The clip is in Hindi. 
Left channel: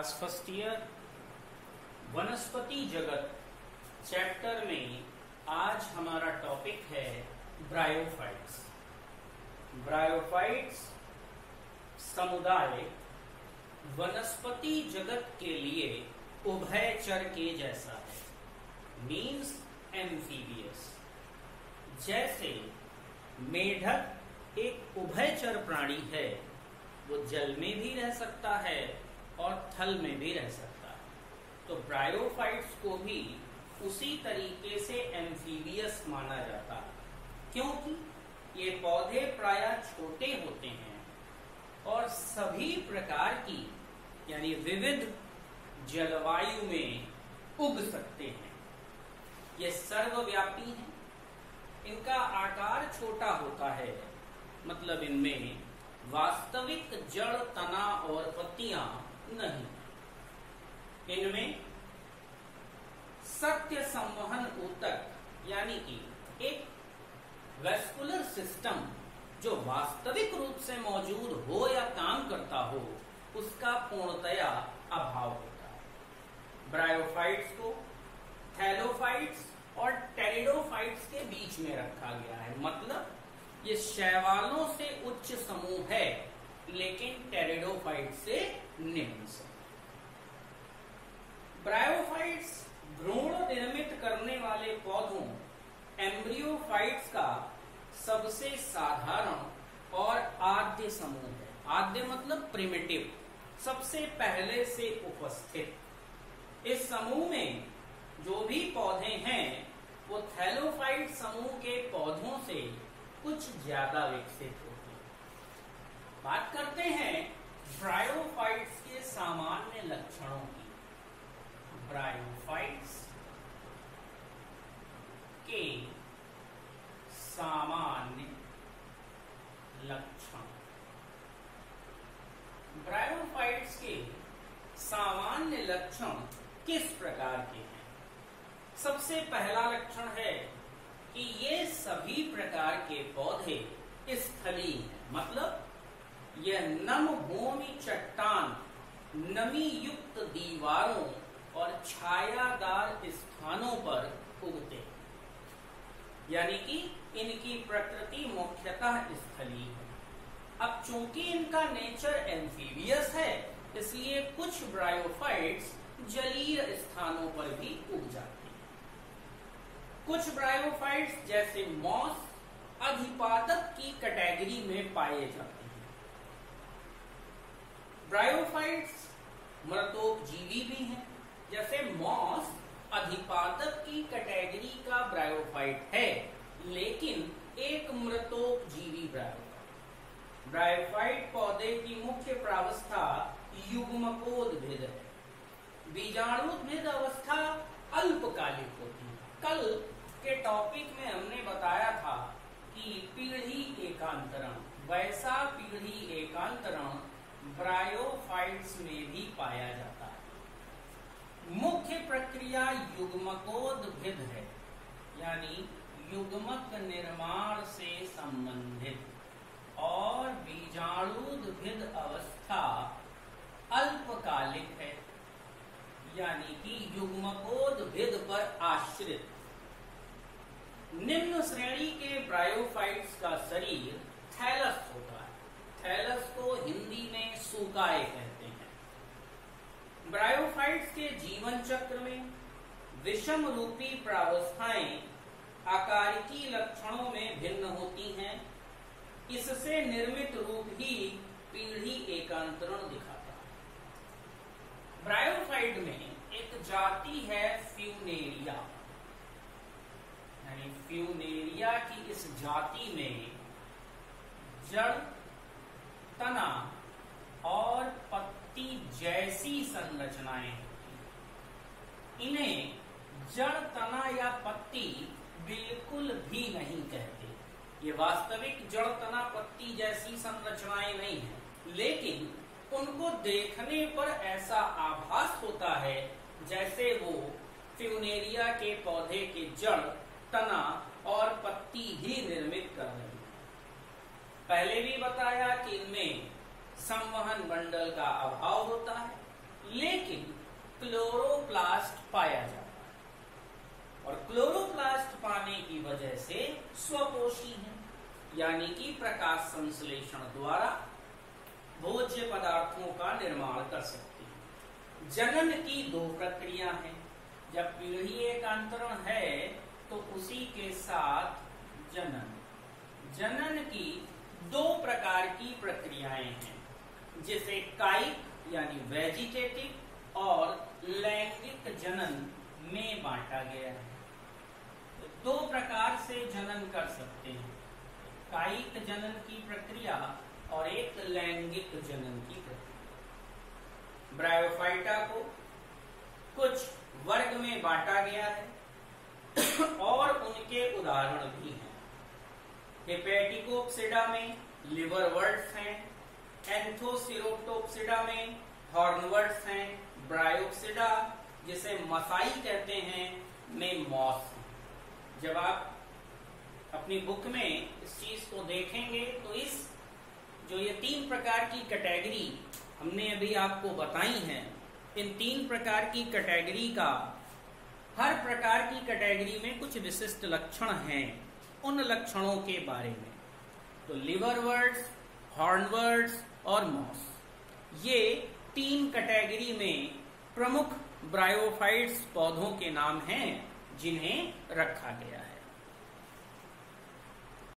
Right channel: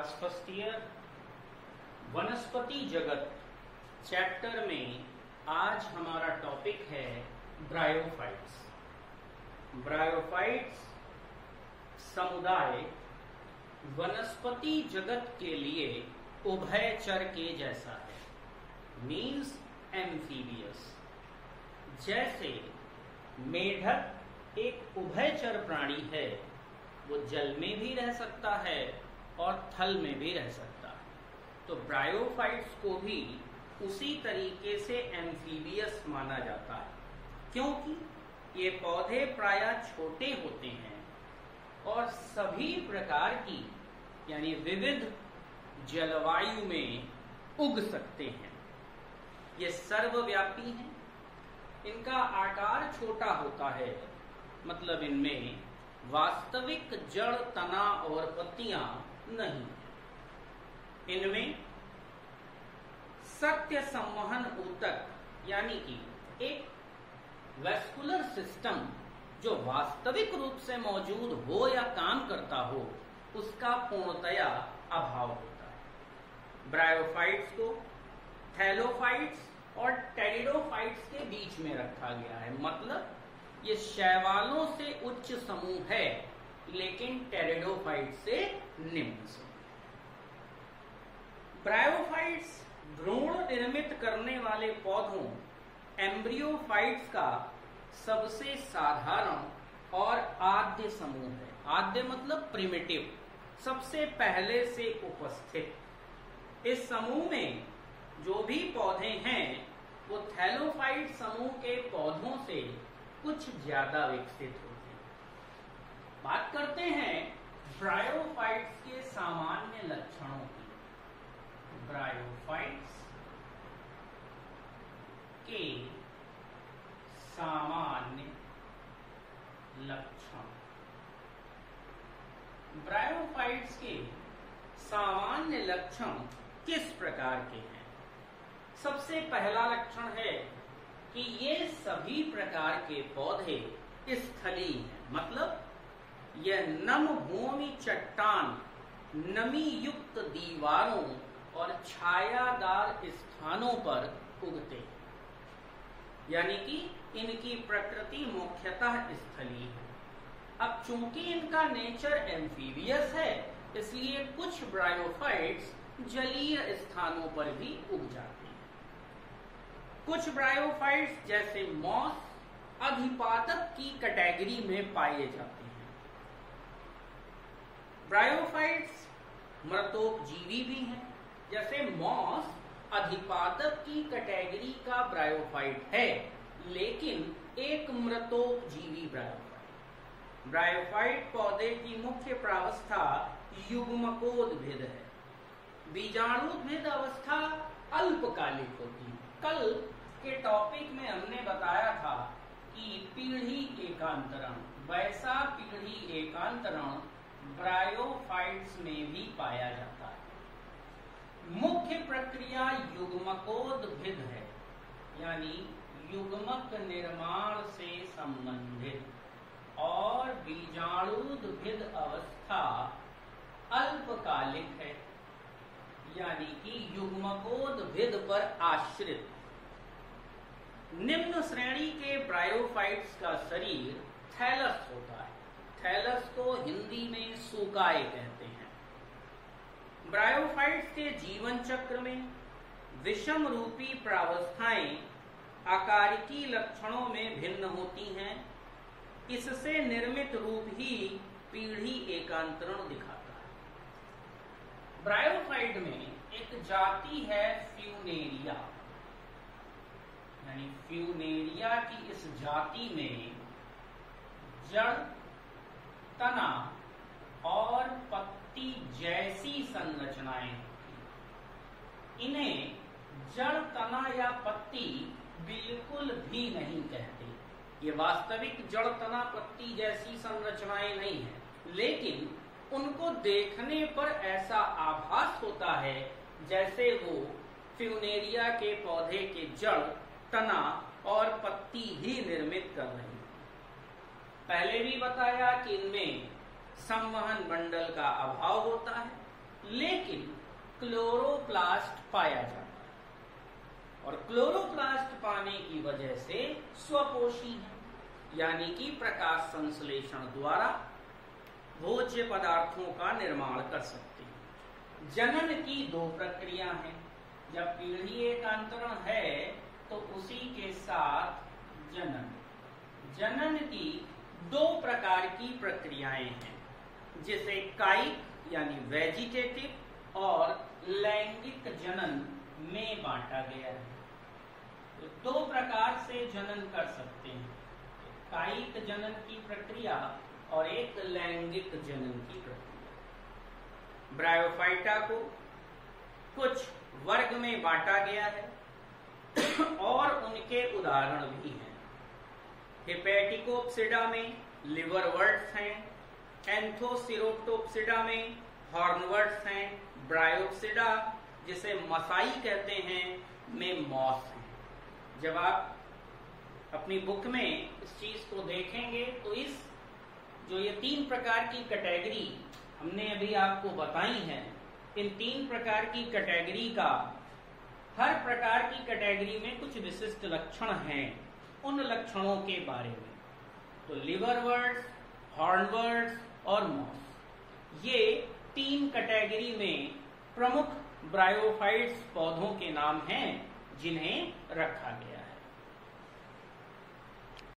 क्लास फर्स्ट ईयर वनस्पति जगत चैप्टर में आज हमारा टॉपिक है ब्रायोफाइट्स। ब्रायोफाइट्स समुदाय वनस्पति जगत के लिए उभयचर के जैसा है, मीन्स एम्फीबियस। जैसे मेढक एक उभयचर प्राणी है, वो जल में भी रह सकता है और थल में भी रह सकता है, तो ब्रायोफाइट्स को भी उसी तरीके से एम्फीबियस माना जाता है, क्योंकि ये पौधे प्रायः छोटे होते हैं और सभी प्रकार की यानी विविध जलवायु में उग सकते हैं। ये सर्वव्यापी हैं, इनका आकार छोटा होता है, मतलब इनमें वास्तविक जड़, तना और पत्तियां नहीं। इनमें सत्य संवहन ऊतक यानी कि एक वैस्कुलर सिस्टम जो वास्तविक रूप से मौजूद हो या काम करता हो, उसका पूर्णतया अभाव होता है। ब्रायोफाइट्स को थैलोफाइट्स और टेरिडोफाइट्स के बीच में रखा गया है, मतलब ये शैवालों से उच्च समूह है लेकिन टेरिडोफाइट से निम्न से। ब्रायोफाइट्स भ्रूण निर्मित करने वाले पौधों एम्ब्रियोफाइट्स का सबसे साधारण और आद्य समूह है। आद्य मतलब प्रिमिटिव, सबसे पहले से उपस्थित। इस समूह में जो भी पौधे हैं वो थैलोफाइट समूह के पौधों से कुछ ज्यादा विकसित होते हैं। बात करते हैं ब्रायोफाइट्स के सामान्य लक्षणों की। ब्रायोफाइट्स के सामान्य लक्षण। ब्रायोफाइट्स के सामान्य लक्षण किस प्रकार के हैं? सबसे पहला लक्षण है कि ये सभी प्रकार के पौधे स्थलीय हैं, मतलब यह नम भूमि, चट्टान, नमी युक्त दीवारों और छायादार स्थानों पर उगते हैं, यानी कि इनकी प्रकृति मुख्यतः स्थलीय है। अब चूंकि इनका नेचर एम्फीबियस है, इसलिए कुछ ब्रायोफाइट्स जलीय स्थानों पर भी उग जाते हैं। कुछ ब्रायोफाइट्स जैसे मॉस अधिपादक की कैटेगरी में पाए जाते हैं। ब्रायोफाइट्स मृतोपजीवी भी हैं, जैसे मॉस अधिपादक की कैटेगरी का ब्रायोफाइट है लेकिन एक मृतोपजीवी ब्रायोफाइट। ब्रायोफाइट पौधे की मुख्य प्रावस्था युग्मकोद्भिद है। बीजाणुद्भिद अवस्था अल्पकालिक होती है। कल के टॉपिक में हमने बताया था कि पीढ़ी एकांतरण, वैसा पीढ़ी एकांतरण ब्रायोफाइट्स में भी पाया जाता है। मुख्य प्रक्रिया युग्मकोद्भिद है, यानी युग्मक निर्माण से संबंधित, और बीजाणुद्भिद अवस्था अल्पकालिक है, यानी कि युग्मकोद्भिद पर आश्रित। निम्न श्रेणी के ब्रायोफाइट्स का शरीर थैलस होता है। थैलस को हिंदी में सूकाए कहते हैं। ब्रायोफाइट्स के जीवन चक्र में विषम रूपी प्रावस्थाएं आकारिकी लक्षणों में भिन्न होती हैं। इससे निर्मित रूप ही पीढ़ी एकांतरण दिखाता है। ब्रायोफाइट में एक जाति है फ्यूनेरिया, यानी फ्यूनेरिया की इस जाति में जड़, तना और पत्ती जैसी संरचनाएं होती। इन्हें जड़, तना या पत्ती बिल्कुल भी नहीं कहते। ये वास्तविक जड़, तना, पत्ती जैसी संरचनाएं नहीं है, लेकिन उनको देखने पर ऐसा आभास होता है जैसे वो फ्यूनेरिया के पौधे के जड़, तना और पत्ती ही निर्मित कर रही है। पहले भी बताया कि इनमें संवहन मंडल का अभाव होता है, लेकिन क्लोरोप्लास्ट पाया जाता है। और क्लोरोप्लास्ट पाने की वजह से स्वपोषी है, यानी कि प्रकाश संश्लेषण द्वारा भोज्य पदार्थों का निर्माण कर सकते हैं। जनन की दो प्रक्रिया है। जब पीढ़ी एकांतरण है तो उसी के साथ जनन की दो प्रकार की प्रक्रियाएं हैं, जिसे कायिक यानी वेजिटेटिव और लैंगिक जनन में बांटा गया है। तो दो प्रकार से जनन कर सकते हैं, कायिक जनन की प्रक्रिया और एक लैंगिक जनन की प्रक्रिया। ब्रायोफाइटा को कुछ वर्ग में बांटा गया है और उनके उदाहरण भी हैं। हेपेटिकोप्सिडा में लिवरवर्ट्स हैं, एंथोसिरोप्टोप्सिडा में हॉर्नवर्ट्स हैं, ब्रायोप्सिडा जिसे मसाई कहते हैं में मॉस हैं। जब आप अपनी बुक में इस चीज को देखेंगे तो इस जो ये तीन प्रकार की कैटेगरी हमने अभी आपको बताई हैं, इन तीन प्रकार की कैटेगरी का हर प्रकार की कैटेगरी में कुछ विशिष्ट लक्षण हैं। उन लक्षणों के बारे में तो लिवरवर्ट्स, हॉर्नवर्ट्स और मॉस, ये तीन कैटेगरी में प्रमुख ब्रायोफाइट्स पौधों के नाम हैं जिन्हें रखा गया है।